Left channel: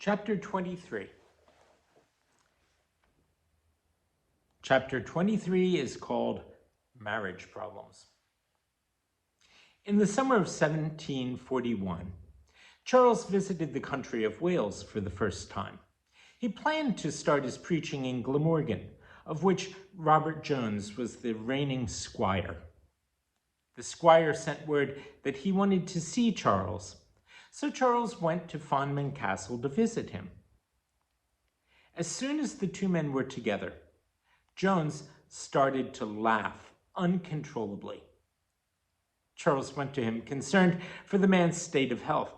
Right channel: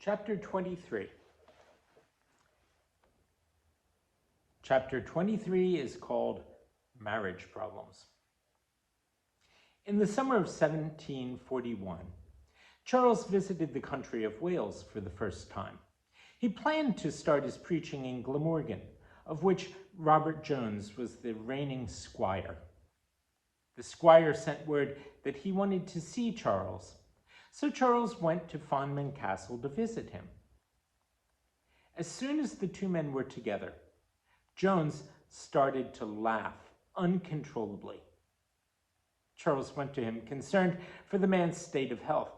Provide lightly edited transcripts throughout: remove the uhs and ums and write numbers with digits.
Chapter 23. Chapter 23 is called Marriage Problems. In the summer of 1741, Charles visited the country of Wales for the first time. He planned to start his preaching in Glamorgan, of which Robert Jones was the reigning squire. The squire sent word that he wanted to see Charles, so Charles went to Fonman Castle to visit him. As soon as the two men were together, Jones started to laugh uncontrollably. Charles went to him, concerned for the man's state of health.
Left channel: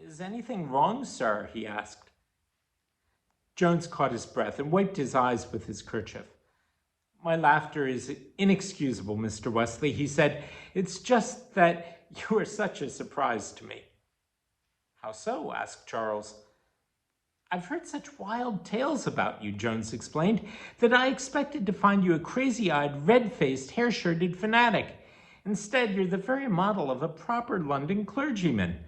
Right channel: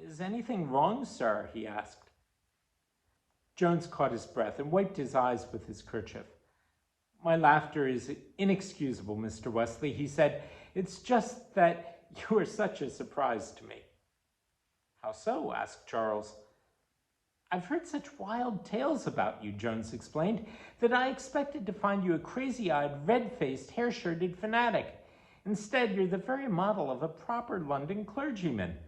"Is anything wrong, sir?" he asked. Jones caught his breath and wiped his eyes with his kerchief. "My laughter is inexcusable, Mr. Wesley," he said. "It's just that you are such a surprise to me." "How so?" asked Charles. "I've heard such wild tales about you," Jones explained, "that I expected to find you a crazy-eyed, red-faced, hair-shirted fanatic. Instead, you're the very model of a proper London clergyman."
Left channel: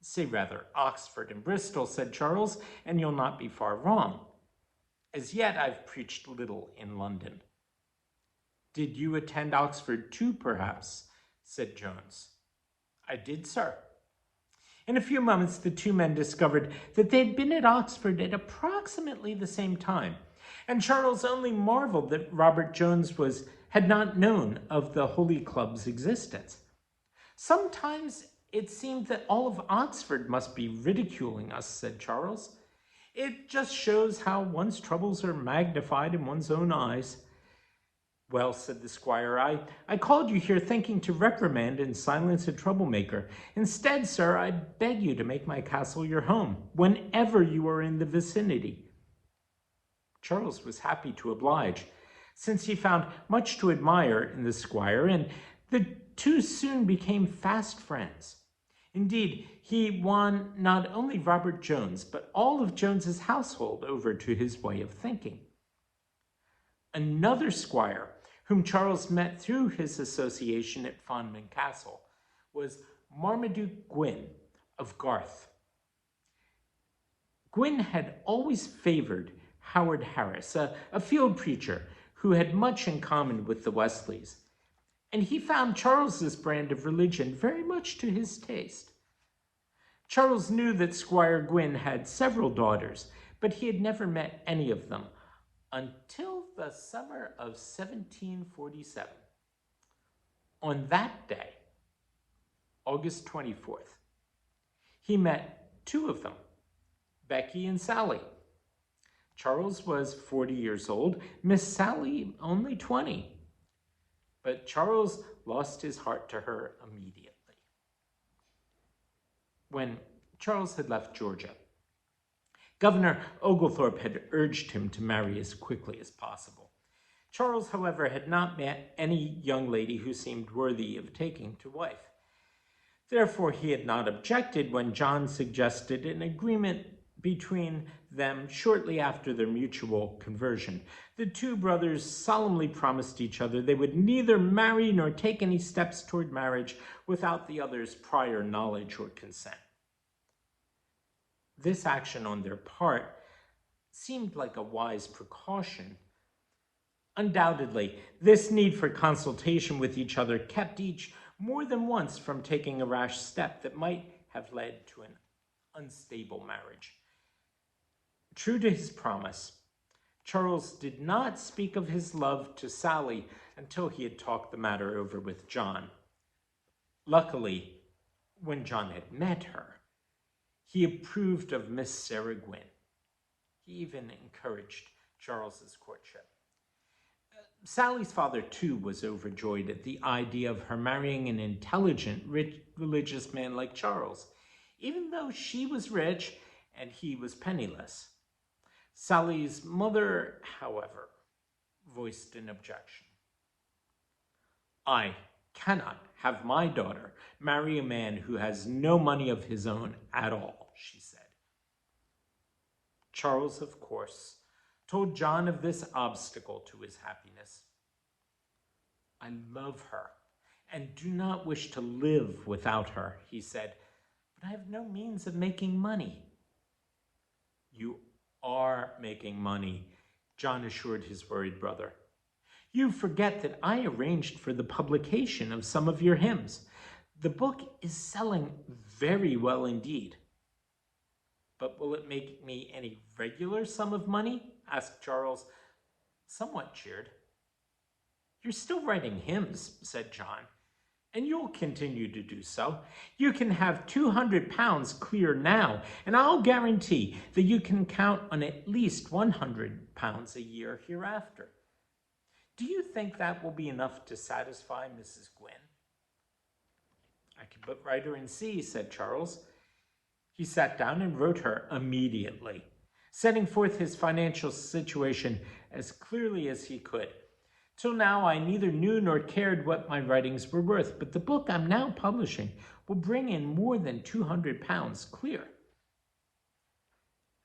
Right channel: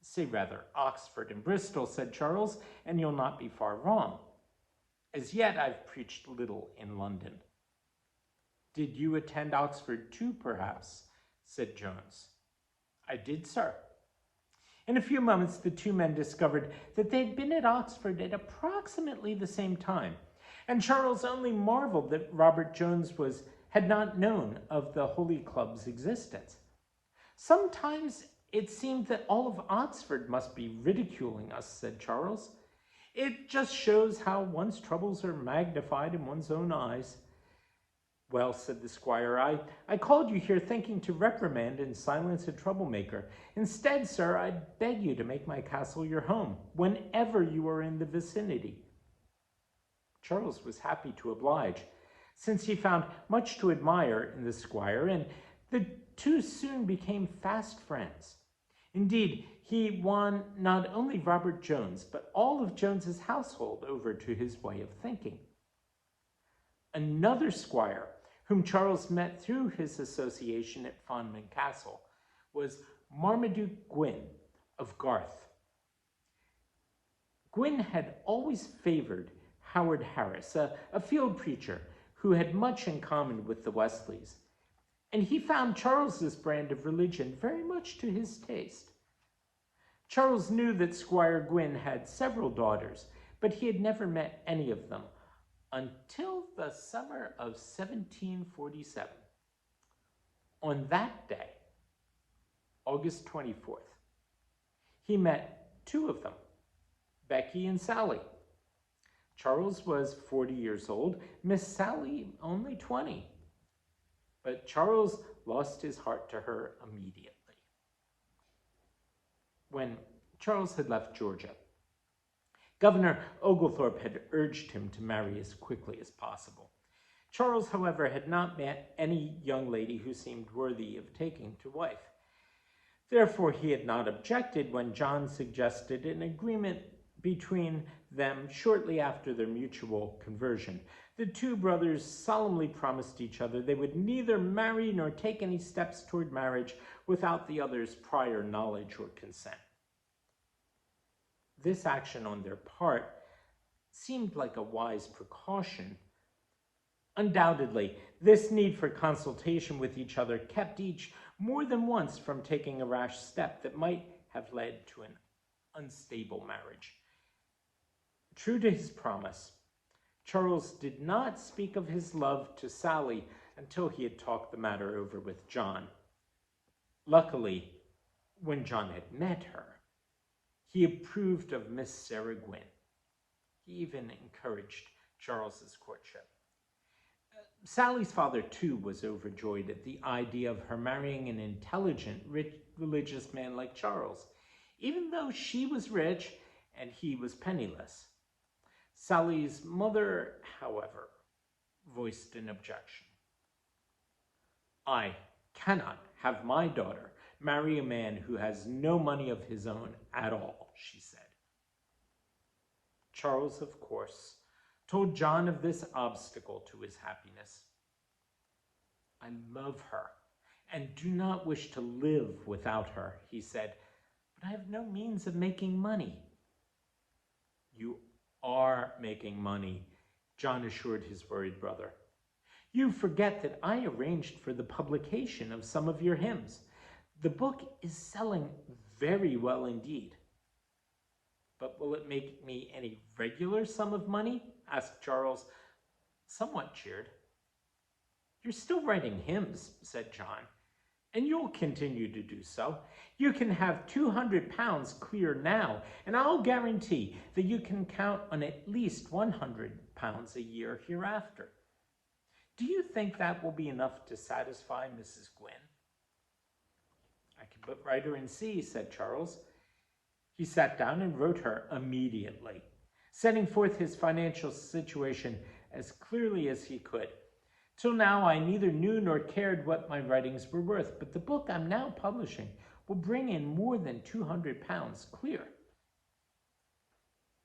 "Say rather Oxford and Bristol," said Charles, "and you'll not be far wrong. As yet, I've preached little in London." "Did you attend Oxford too, perhaps?" said Jones. "I did, sir." In a few moments, the two men discovered that they had been at Oxford at approximately the same time, and Charles only marveled that Robert Jones had not known of the Holy Club's existence. "Sometimes it seemed that all of Oxford must be ridiculing us," said Charles. "It just shows how one's troubles are magnified in one's own eyes." "Well," said the squire, I called you here thinking to reprimand and silence a troublemaker. Instead, sir, I beg you to make my castle your home, whenever you are in the vicinity." Charles was happy to oblige, since he found much to admire in the squire, and the two soon became fast friends. Indeed, he won not only Robert Jones, but all of Jones's household over to his way of thinking. Another squire, whom Charles met through his association at Fonman Castle, was Marmaduke Gwyn of Garth. Gwyn had always favored Howard Harris, a field preacher who had much in common with the Wesleys, and he found Charles's brand of religion very much to his taste. Charles knew that Squire Gwyn had several daughters, but he had never met any of them until the summer of 1747. On that day, August 24th, he met two of them, Becky and Sally. Charles was 40 years old, Miss Sally only 20. But Charles lost his heart to her immediately. When Charles had left Georgia, Governor Oglethorpe had urged him to marry as quickly as possible. Charles, however, had not met any young lady who seemed worthy of taking to wife. Therefore, he had not objected when John suggested an agreement between them shortly after their mutual conversion. The two brothers solemnly promised each other they would neither marry nor take any steps toward marriage without the other's prior knowledge or consent. This action on their part seemed like a wise precaution. Undoubtedly, this need for consultation with each other kept each more than once from taking a rash step that might have led to an unstable marriage. True to his promise, Charles did not speak of his love to Sally until he had talked the matter over with John. Luckily, when John had met her, he approved of Miss Sarah Gwyn. He even encouraged Charles's courtship. Sally's father, too, was overjoyed at the idea of her marrying an intelligent, rich, religious man like Charles, even though she was rich and he was penniless. Sally's mother, however, voiced an objection. "I cannot have my daughter marry a man who has no money of his own at all," she said. Charles, of course, told John of this obstacle to his happiness. "I love her and do not wish to live without her," he said, "but I have no means of making money." You are making money, John assured his worried brother. You forget that I arranged for the publication of some of your hymns. The book is selling very well indeed. But will it make me any regular sum of money? Asked Charles, somewhat cheered. You're still writing hymns, said John, and you'll continue to do so. You can have £200 clear now, and I'll guarantee that you can count on at least £100 a year hereafter. Do you think that will be enough to satisfy Mrs. Gwynn? I can but write her and see, said Charles. He sat down and wrote her immediately, setting forth his financial situation as clearly as he could. Till now, I neither knew nor cared what my writings were worth, but the book I'm now publishing will bring in more than £200 clear.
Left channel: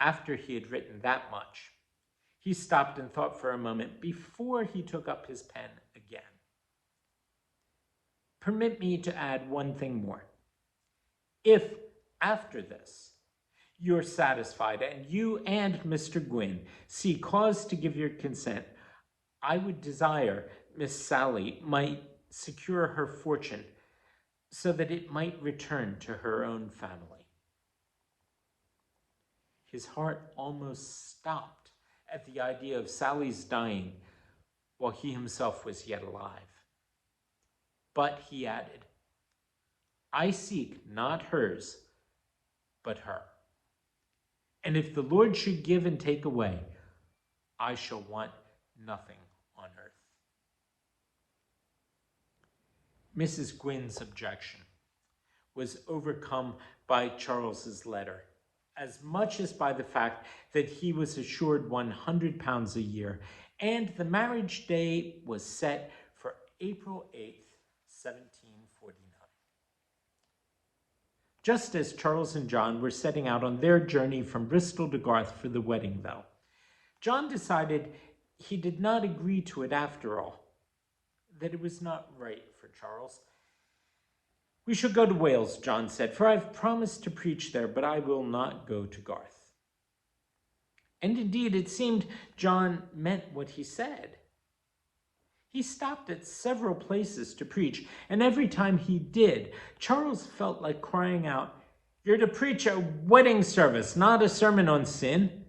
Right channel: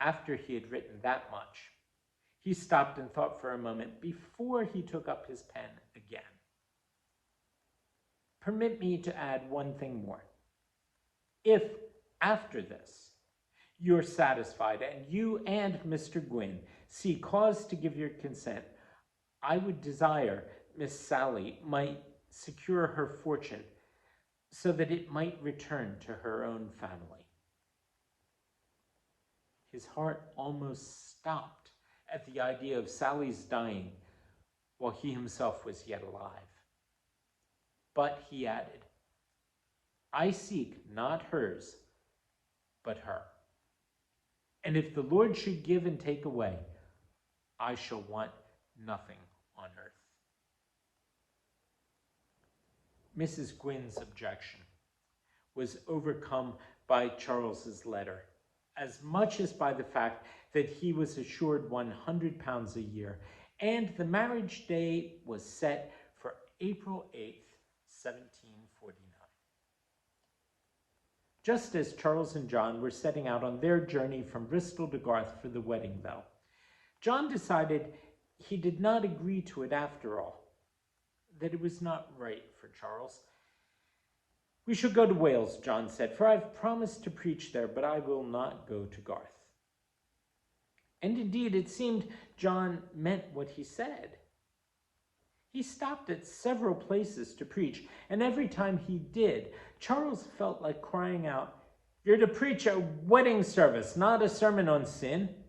After he had written that much, he stopped and thought for a moment before he took up his pen again. Permit me to add one thing more. If, after this, you're satisfied and you and Mr. Gwynn see cause to give your consent, I would desire Miss Sally might secure her fortune so that it might return to her own family. His heart almost stopped at the idea of Sally's dying while he himself was yet alive. But he added, I seek not hers, but her. And if the Lord should give and take away, I shall want nothing on earth. Mrs. Gwynn's objection was overcome by Charles's letter, as much as by the fact that he was assured £100 a year, and the marriage day was set for April 8th, 1749. Just as Charles and John were setting out on their journey from Bristol to Garth for the wedding, though, John decided he did not agree to it after all, that it was not right for Charles. We shall go to Wales, John said, for I've promised to preach there, but I will not go to Garth. And indeed, it seemed John meant what he said. He stopped at several places to preach, and every time he did, Charles felt like crying out, "You're to preach a wedding service, not a sermon on sin."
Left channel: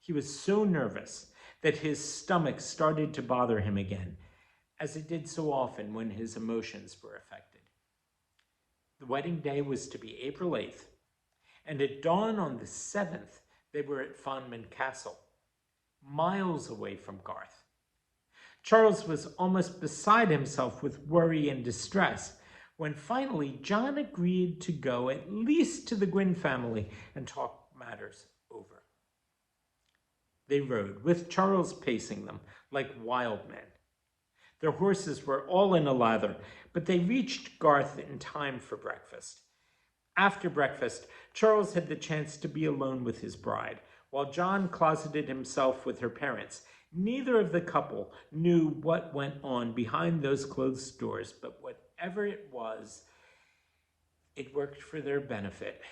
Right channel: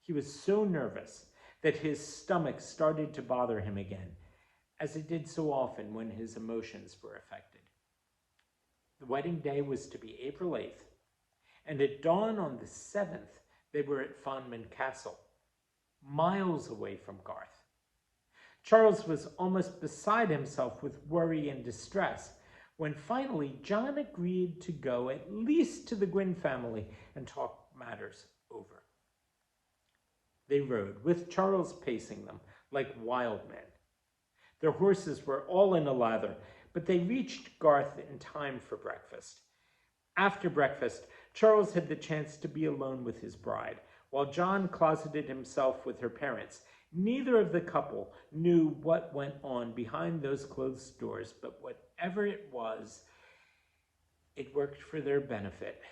He was so nervous that his stomach started to bother him again, as it did so often when his emotions were affected. The wedding day was to be April 8th, and at dawn on the 7th, they were at Fonman Castle, miles away from Garth. Charles was almost beside himself with worry and distress when finally John agreed to go at least to the Gwynn family and talk matters over. They rode, with Charles pacing them like wild men. Their horses were all in a lather, but they reached Garth in time for breakfast. After breakfast, Charles had the chance to be alone with his bride, while John closeted himself with her parents. Neither of the couple knew what went on behind those closed doors, but whatever it was, it worked for their benefit.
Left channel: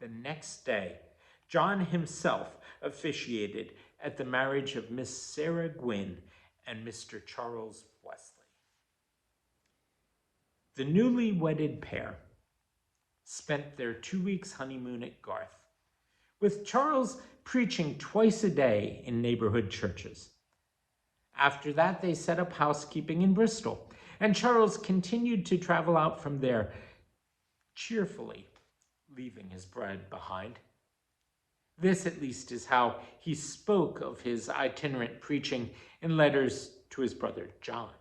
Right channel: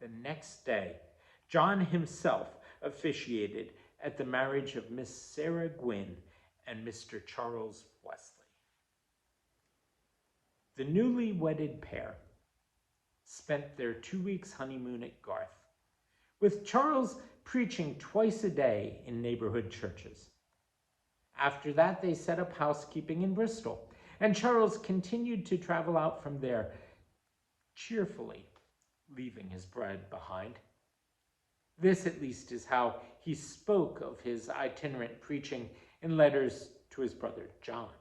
The next day, John himself officiated at the marriage of Miss Sarah Gwynn and Mr. Charles Wesley. The newly wedded pair spent their 2 weeks' honeymoon at Garth, with Charles preaching twice a day in neighborhood churches. After that, they set up housekeeping in Bristol, and Charles continued to travel out from there, cheerfully leaving his bride behind. This, at least, is how he spoke of his itinerant preaching in letters to his brother John.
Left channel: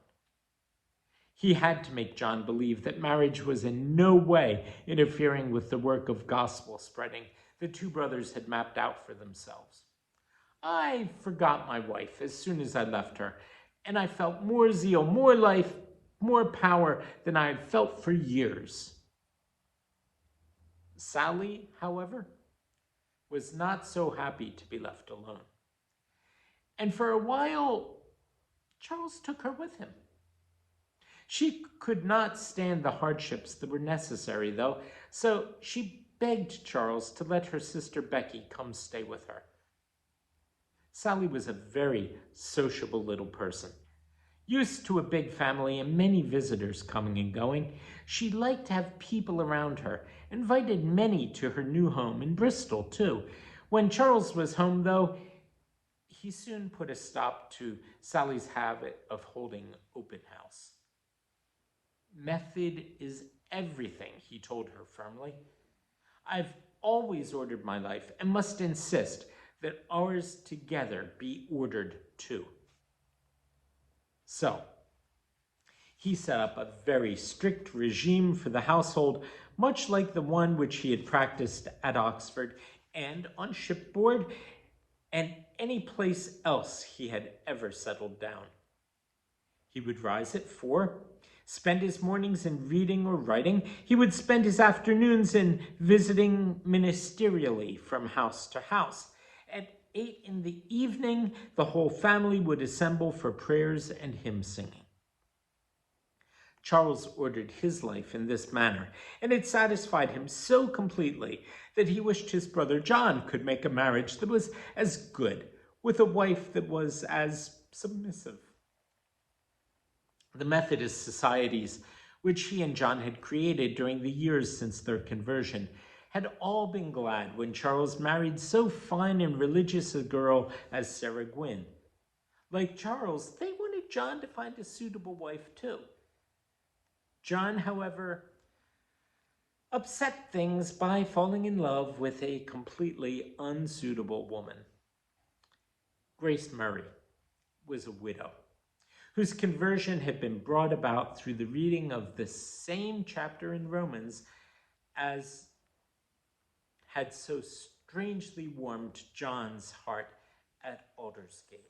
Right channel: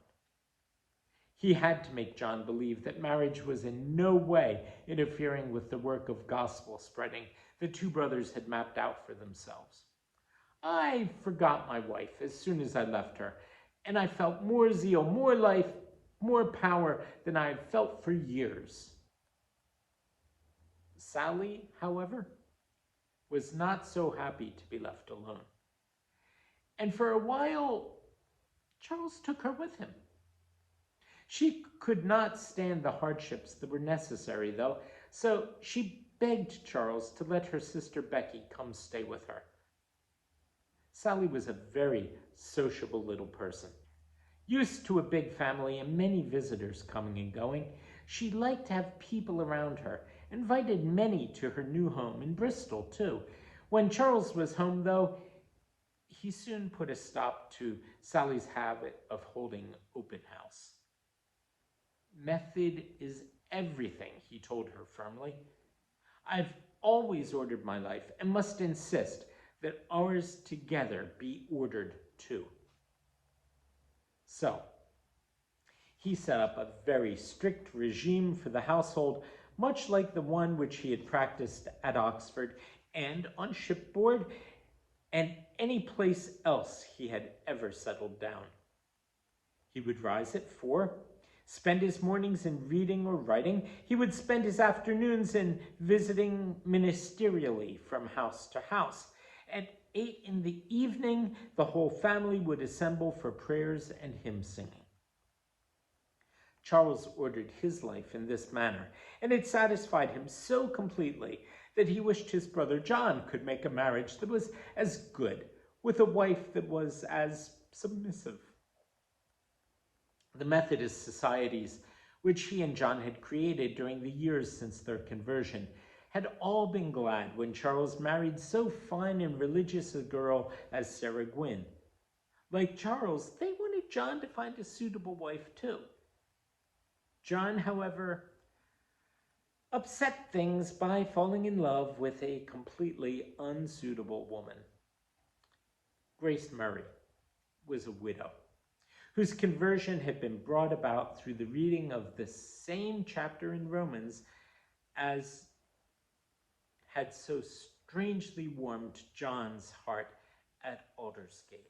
He had to make John believe that marriage was in no way interfering with the work of gospel spreading the two brothers had mapped out for themselves. I forgot my wife as soon as I left her, and I felt more zeal, more life, more power than I had felt for years. Sally, however, was not so happy to be left alone. And for a while, Charles took her with him. She could not stand the hardships that were necessary, though, so she begged Charles to let her sister Becky come stay with her. Sally was a very sociable little person. Used to a big family and many visitors coming and going, she liked to have people around her, invited many to her new home in Bristol, too. When Charles was home, though, he soon put a stop to Sally's habit of holding open house. Method is everything, he told her firmly. I've always ordered my life and must insist that ours together be ordered too. So, he set up a very strict regime for the household, much like the one which he had practiced at Oxford and on shipboard and any place else he had ever settled down. He would rise at 4, spend his mornings in reading or writing. He would spend his afternoons in visiting ministerially from house to house. At 8 in the evening, the whole family would assemble for prayers and hymn singing. Charles ordered his life in this manner, and it satisfied him so completely that he wished his brother John could make a marriage that was as good, with a wife that was as submissive. The Methodist societies, which he and John had created during the years since their conversion, had all been glad when Charles married so fine and religious a girl as Sarah Gwynn. Like Charles, they wanted John to find a suitable wife too. John, however, upset things by falling in love with a completely unsuitable woman. Grace Murray was a widow whose conversion had been brought about through the reading of the same chapter in Romans as had so strangely warmed John's heart at Aldersgate.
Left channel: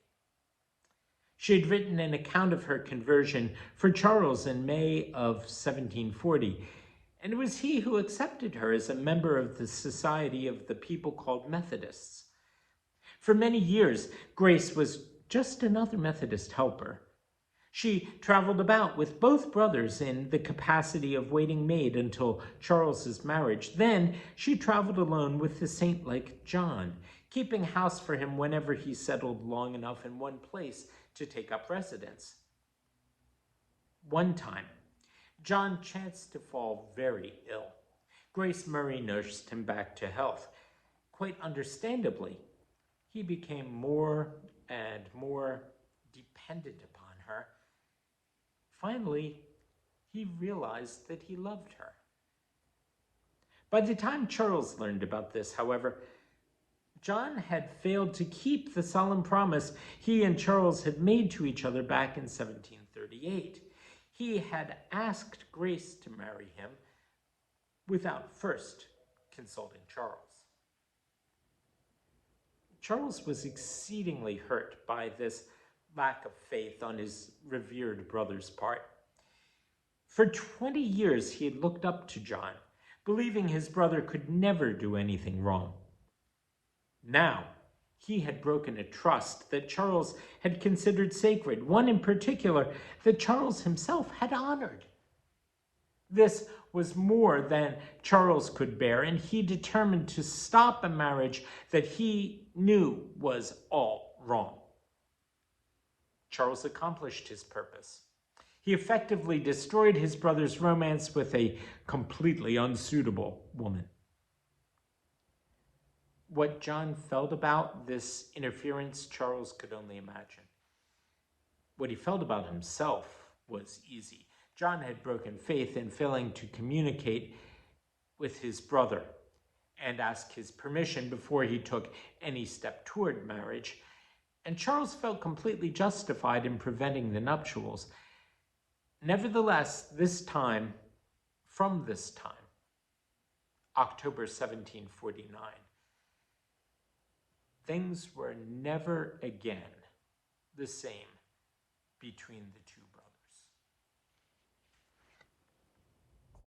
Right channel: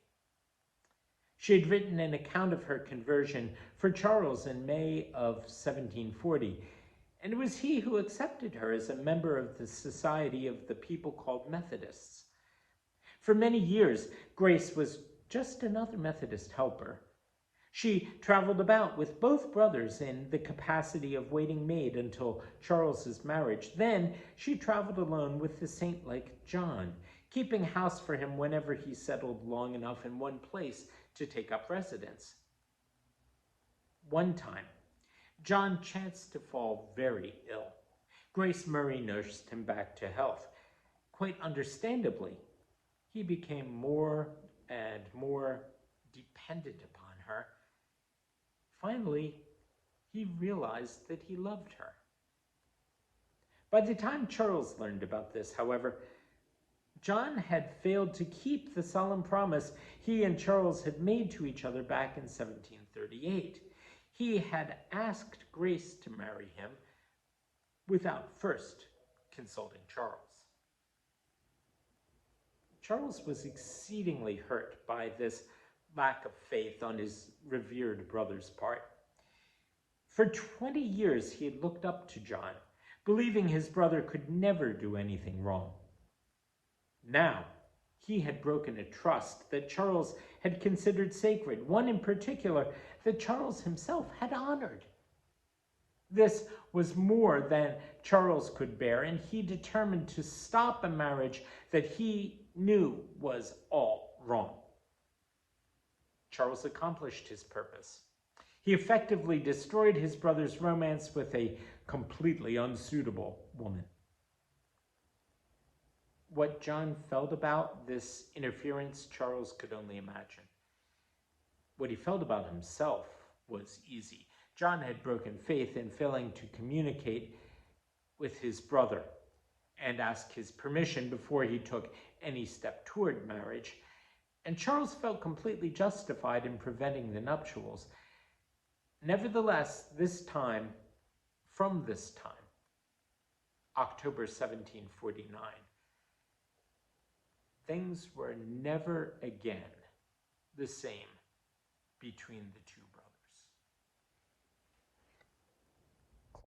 She had written an account of her conversion for Charles in May of 1740, and it was he who accepted her as a member of the society of the people called Methodists. For many years, Grace was just another Methodist helper. She traveled about with both brothers in the capacity of waiting maid until Charles's marriage. Then she traveled alone with the saint-like John, keeping house for him whenever he settled long enough in one place to take up residence. One time, John chanced to fall very ill. Grace Murray nursed him back to health. Quite understandably, he became more and more dependent upon her. Finally, he realized that he loved her. By the time Charles learned about this, however, John had failed to keep the solemn promise he and Charles had made to each other back in 1738. He had asked Grace to marry him without first consulting Charles. Charles was exceedingly hurt by this lack of faith on his revered brother's part. For 20 years, he had looked up to John, believing his brother could never do anything wrong. Now, he had broken a trust that Charles had considered sacred, one in particular that Charles himself had honored. This was more than Charles could bear, and he determined to stop a marriage that he knew was all wrong. Charles accomplished his purpose. He effectively destroyed his brother's romance with a completely unsuitable woman. What John felt about this interference, Charles could only imagine. What he felt about himself was easy. John had broken faith in failing to communicate with his brother and ask his permission before he took any step toward marriage, and Charles felt completely justified in preventing the nuptials. Nevertheless, from this time, October 1749, things were never again the same between the two